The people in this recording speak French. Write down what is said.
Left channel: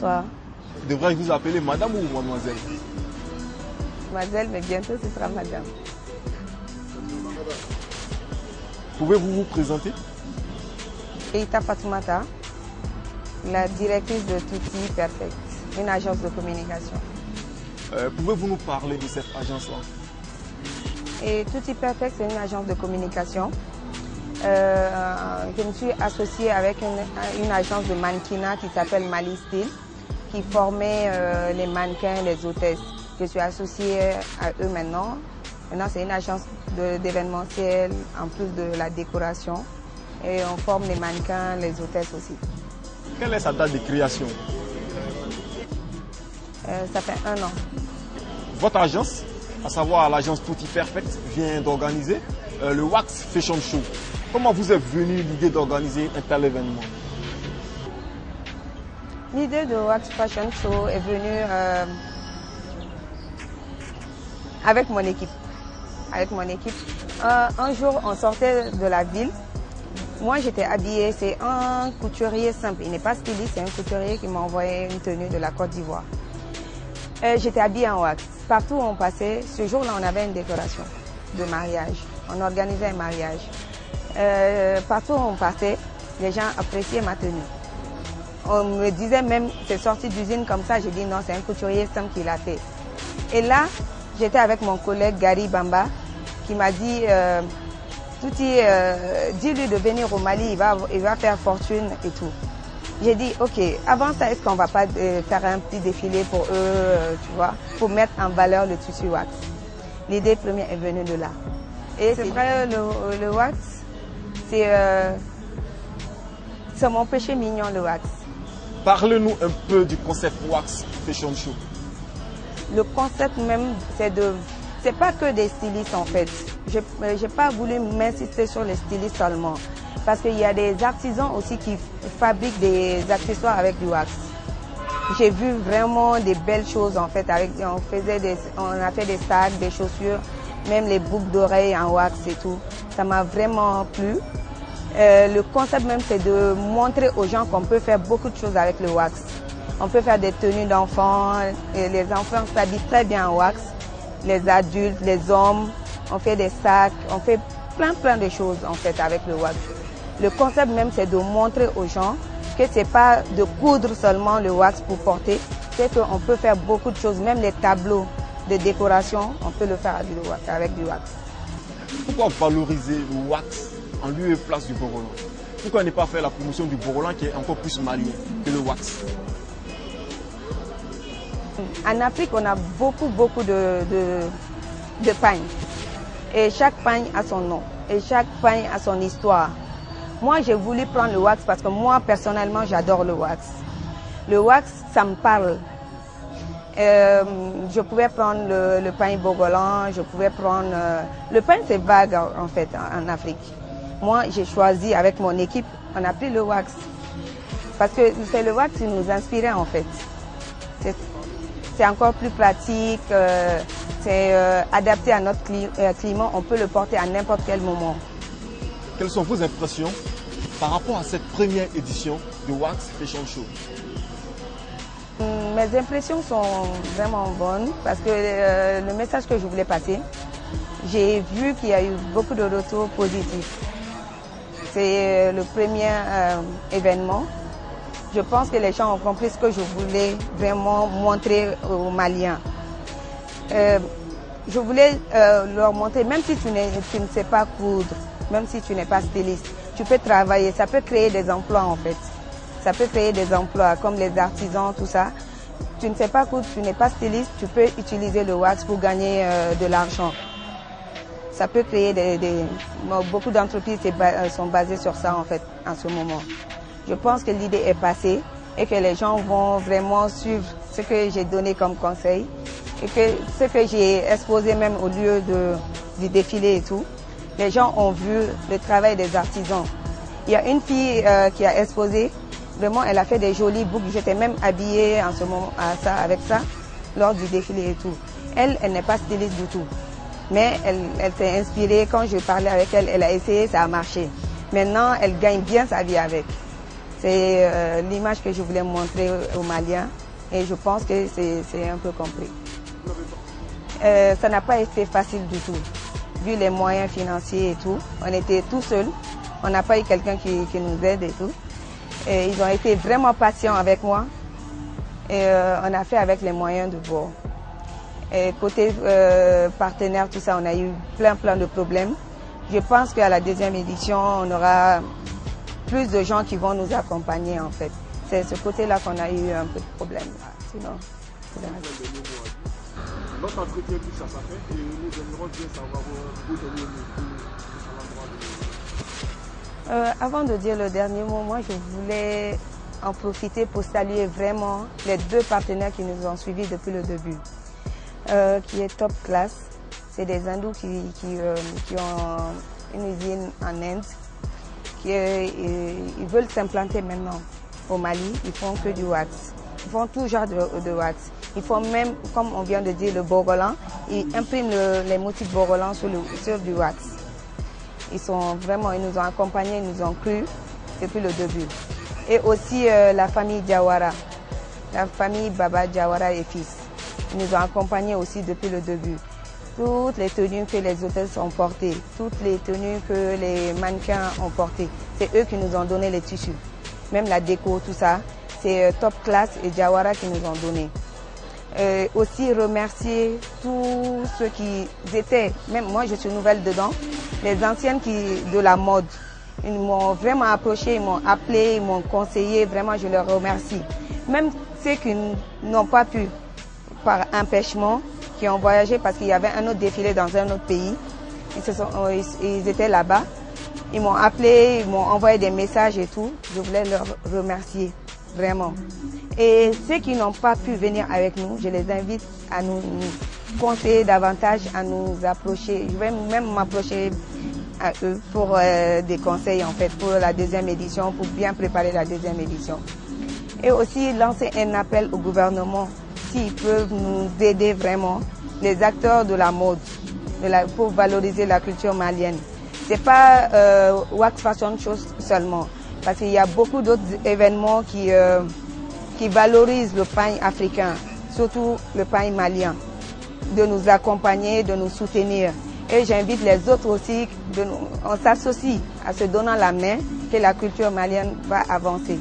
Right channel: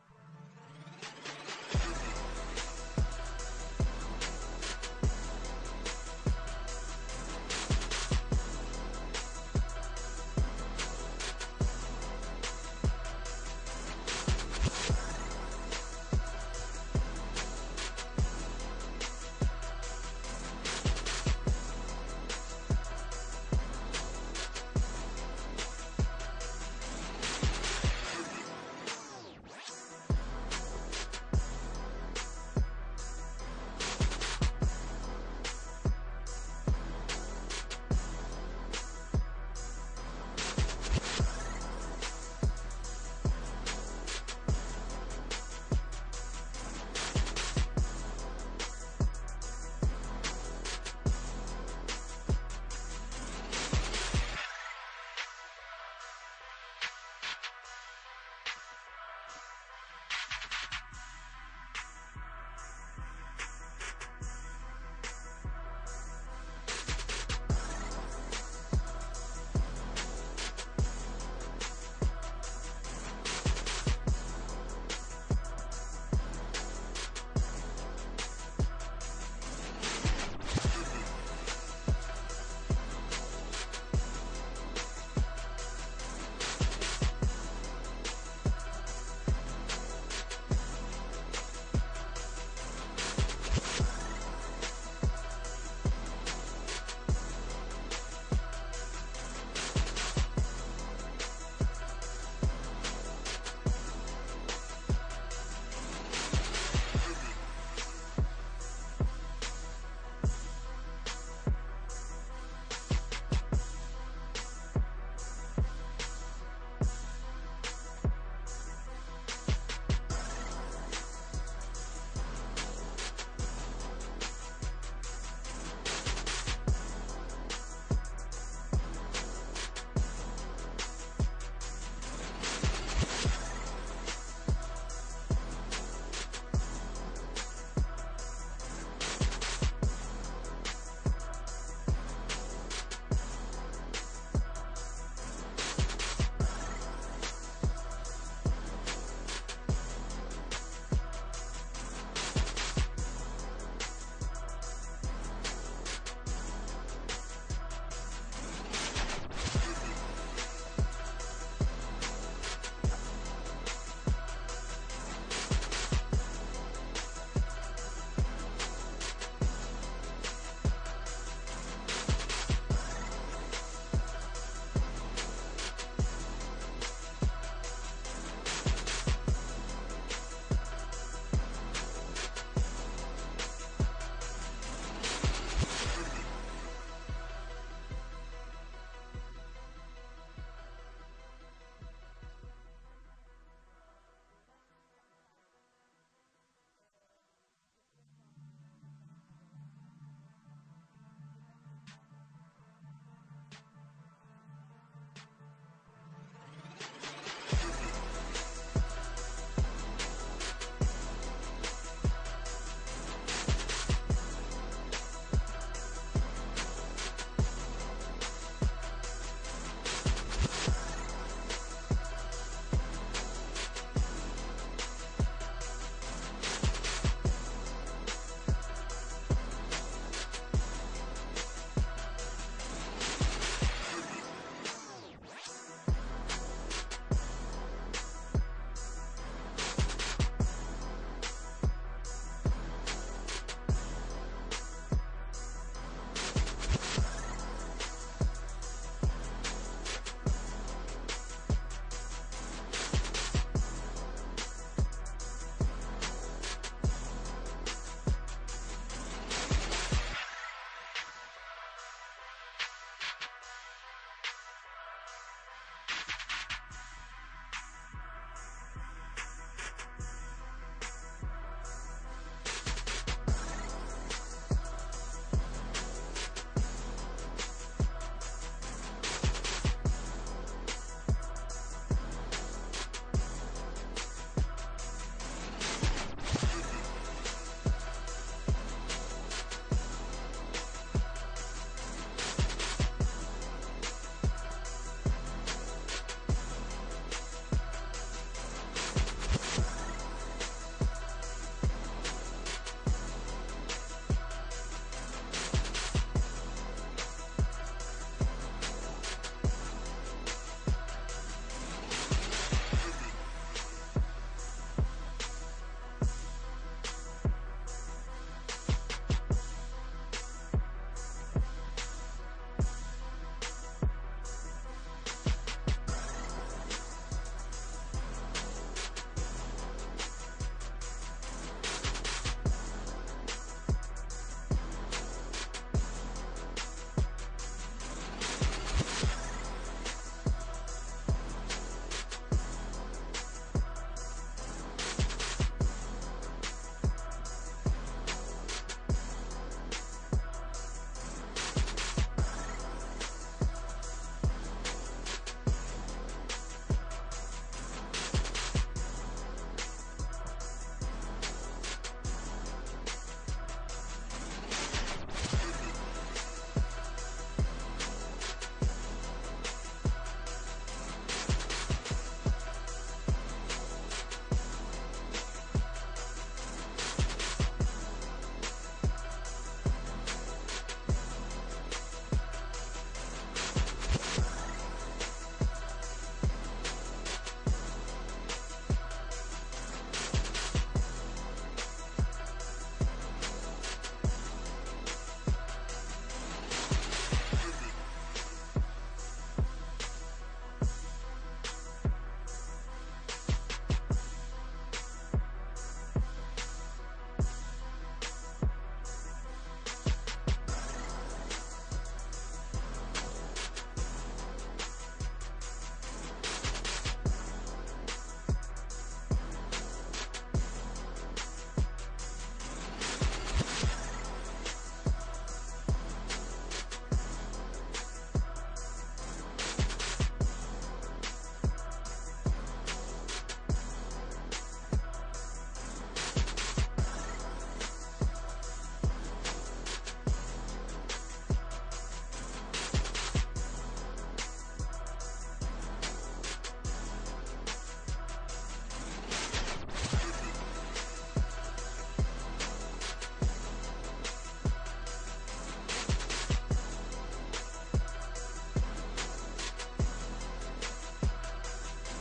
Bonsoir. Devrais-je vous appeler madame ou mademoiselle? Mademoiselle, mais bientôt ce sera madame. Pouvez-vous vous présenter? Keita Fatoumata, la directrice de Tutti Perfect, une agence de communication. Pouvez-vous nous parler de cette agence-là? Et Tutti Perfect, c'est une agence de communication. Je me suis associée avec une agence de mannequinat qui s'appelle Mali Style, qui formait les mannequins, les hôtesses. Je suis associée à eux maintenant. Maintenant, c'est une agence d'événementiel, en plus de la décoration. Et on forme les mannequins, les hôtesses aussi. Quelle est sa date de création? Ça fait 1 an. Votre agence, à savoir l'agence Tutti Perfect, vient d'organiser le Wax Fashion Show. Comment vous est venue l'idée d'organiser un tel événement? L'idée de Wax Fashion Show est venue avec mon équipe. Un jour, on sortait de la ville. Moi, j'étais habillée, c'est un couturier simple. Il n'est pas styliste, c'est un couturier qui m'a envoyé une tenue de la Côte d'Ivoire. J'étais habillée en wax. Partout où on passait, ce jour-là, on avait une décoration de mariage. On organisait un mariage. Partout où on passait, les gens appréciaient ma tenue. On me disait même, c'est sorti d'usine comme ça. J'ai dit non, c'est un couturier simple qui l'a fait. Et là, j'étais avec mon collègue Gary Bamba qui m'a dit, Tutti, dis-lui de venir au Mali, il va faire fortune et tout. J'ai dit, ok, avant ça, est-ce qu'on ne va pas faire un petit défilé pour eux, tu vois, pour mettre en valeur le tissu wax. L'idée première est venue de là. Et c'est vrai, le wax, c'est mon péché mignon, le wax. Parlez-nous un peu du concept Wax Fashion Show. Le concept même, c'est pas que des stylistes en fait. J'ai pas voulu m'insister sur les stylistes seulement. Parce qu'il y a des artisans aussi qui fabriquent des accessoires avec du wax. J'ai vu vraiment des belles choses en fait. On a fait des sacs, des chaussures, même les boucles d'oreilles en wax et tout. Ça m'a vraiment plu. Le concept même, c'est de montrer aux gens qu'on peut faire beaucoup de choses avec le wax. On peut faire des tenues d'enfants, les enfants s'habillent très bien en wax. Les adultes, les hommes, on fait des sacs, on fait plein de choses en fait avec le wax. Le concept même, c'est de montrer aux gens que c'est pas de coudre seulement le wax pour porter, c'est qu'on peut faire beaucoup de choses, même les tableaux de décoration, on peut le faire avec du wax. Pourquoi valoriser le wax en lieu et place du Borolan? Pourquoi ne pas faire la promotion du Borolan qui est encore plus malien que le wax? En Afrique, on a beaucoup de pagnes. Et chaque pagne a son nom. Et chaque pagne a son histoire. Moi, j'ai voulu prendre le wax parce que moi, personnellement, j'adore le wax. Le wax, ça me parle. Je pouvais prendre le pagne Bogolan, je pouvais prendre... le pagne, c'est vague en fait en Afrique. Moi, j'ai choisi avec mon équipe, on a pris le wax. Parce que c'est le wax qui nous inspirait en fait. C'est encore plus pratique, c'est adapté à notre climat, on peut le porter à n'importe quel moment. Quelles sont vos impressions par rapport à cette première édition du Wax Fashion Show? Mes impressions sont vraiment bonnes parce que le message que je voulais passer, j'ai vu qu'il y a eu beaucoup de retours positifs. C'est le premier événement. Je pense que les gens ont compris ce que je voulais vraiment montrer aux Maliens. Je voulais leur montrer, même si tu ne sais pas coudre, même si tu n'es pas styliste, tu peux travailler, ça peut créer des emplois en fait. Ça peut créer des emplois comme les artisans, tout ça. Tu ne sais pas coudre, tu n'es pas styliste, tu peux utiliser le wax pour gagner de l'argent. Ça peut créer beaucoup d'entreprises sont basées sur ça en fait en ce moment. Je pense que l'idée est passée et que les gens vont vraiment suivre ce que j'ai donné comme conseil et que ce que j'ai exposé même au lieu du défilé et tout. Les gens ont vu le travail des artisans. Il y a une fille qui a exposé, vraiment elle a fait des jolies boucles. J'étais même habillée en ce moment avec ça lors du défilé et tout. Elle n'est pas styliste du tout. Mais elle s'est inspirée. Quand je parlais avec elle, elle a essayé, ça a marché. Maintenant, elle gagne bien sa vie avec. C'est l'image que je voulais montrer aux Maliens et je pense que c'est un peu compris. Ça n'a pas été facile du tout, vu les moyens financiers et tout. On était tout seuls, on n'a pas eu quelqu'un qui nous aide et tout. Et ils ont été vraiment patients avec moi et on a fait avec les moyens de bord. Et côté partenaire, tout ça, on a eu plein de problèmes. Je pense qu'à la deuxième édition, on aura plus de gens qui vont nous accompagner en fait. C'est ce côté-là qu'on a eu un peu de problème. Sinon, notre entretien touche à sa fin et nous aimerons bien savoir aujourd'hui. Avant de dire le dernier mot, moi je voulais en profiter pour saluer vraiment les 2 partenaires qui nous ont suivis depuis le début, qui est Top Class. C'est des hindous qui ont une usine en Inde, ils veulent s'implanter maintenant au Mali. Ils font que du wax. Ils font tout genre de wax. Ils font même, comme on vient de dire, le Bogolan. Ils impriment les motifs Bogolan sur du wax. Ils nous ont accompagnés, ils nous ont cru depuis le début. Et aussi la famille Diawara, la famille Baba Diawara et fils. Ils nous ont accompagnés aussi depuis le début. Toutes les tenues que les hôtels ont portées, toutes les tenues que les mannequins ont portées, c'est eux qui nous ont donné les tissus. Même la déco, tout ça, c'est Top Class et Diawara qui nous ont donné. Aussi remercier tous ceux qui étaient, même moi je suis nouvelle dedans, les anciennes de la mode. Ils m'ont vraiment approché, ils m'ont appelé, ils m'ont conseillé, vraiment je leur remercie. Même ceux qui n'ont pas pu, par empêchement, qui ont voyagé parce qu'il y avait un autre défilé dans un autre pays. Ils étaient là-bas. Ils m'ont appelé, ils m'ont envoyé des messages et tout. Je voulais leur remercier, vraiment. Et ceux qui n'ont pas pu venir avec nous, je les invite à nous conseiller davantage, à nous approcher. Je vais même m'approcher à eux pour des conseils en fait, pour la deuxième édition, pour bien préparer la deuxième édition. Et aussi lancer un appel au gouvernement, s'ils peuvent nous aider vraiment, les acteurs de la mode, pour valoriser la culture malienne. Ce n'est pas Wax Fashion Show seulement, parce qu'il y a beaucoup d'autres événements qui valorisent le pain africain, surtout le pain malien, de nous accompagner, de nous soutenir. Et j'invite les autres aussi, on s'associe à se donnant la main, que la culture malienne va avancer.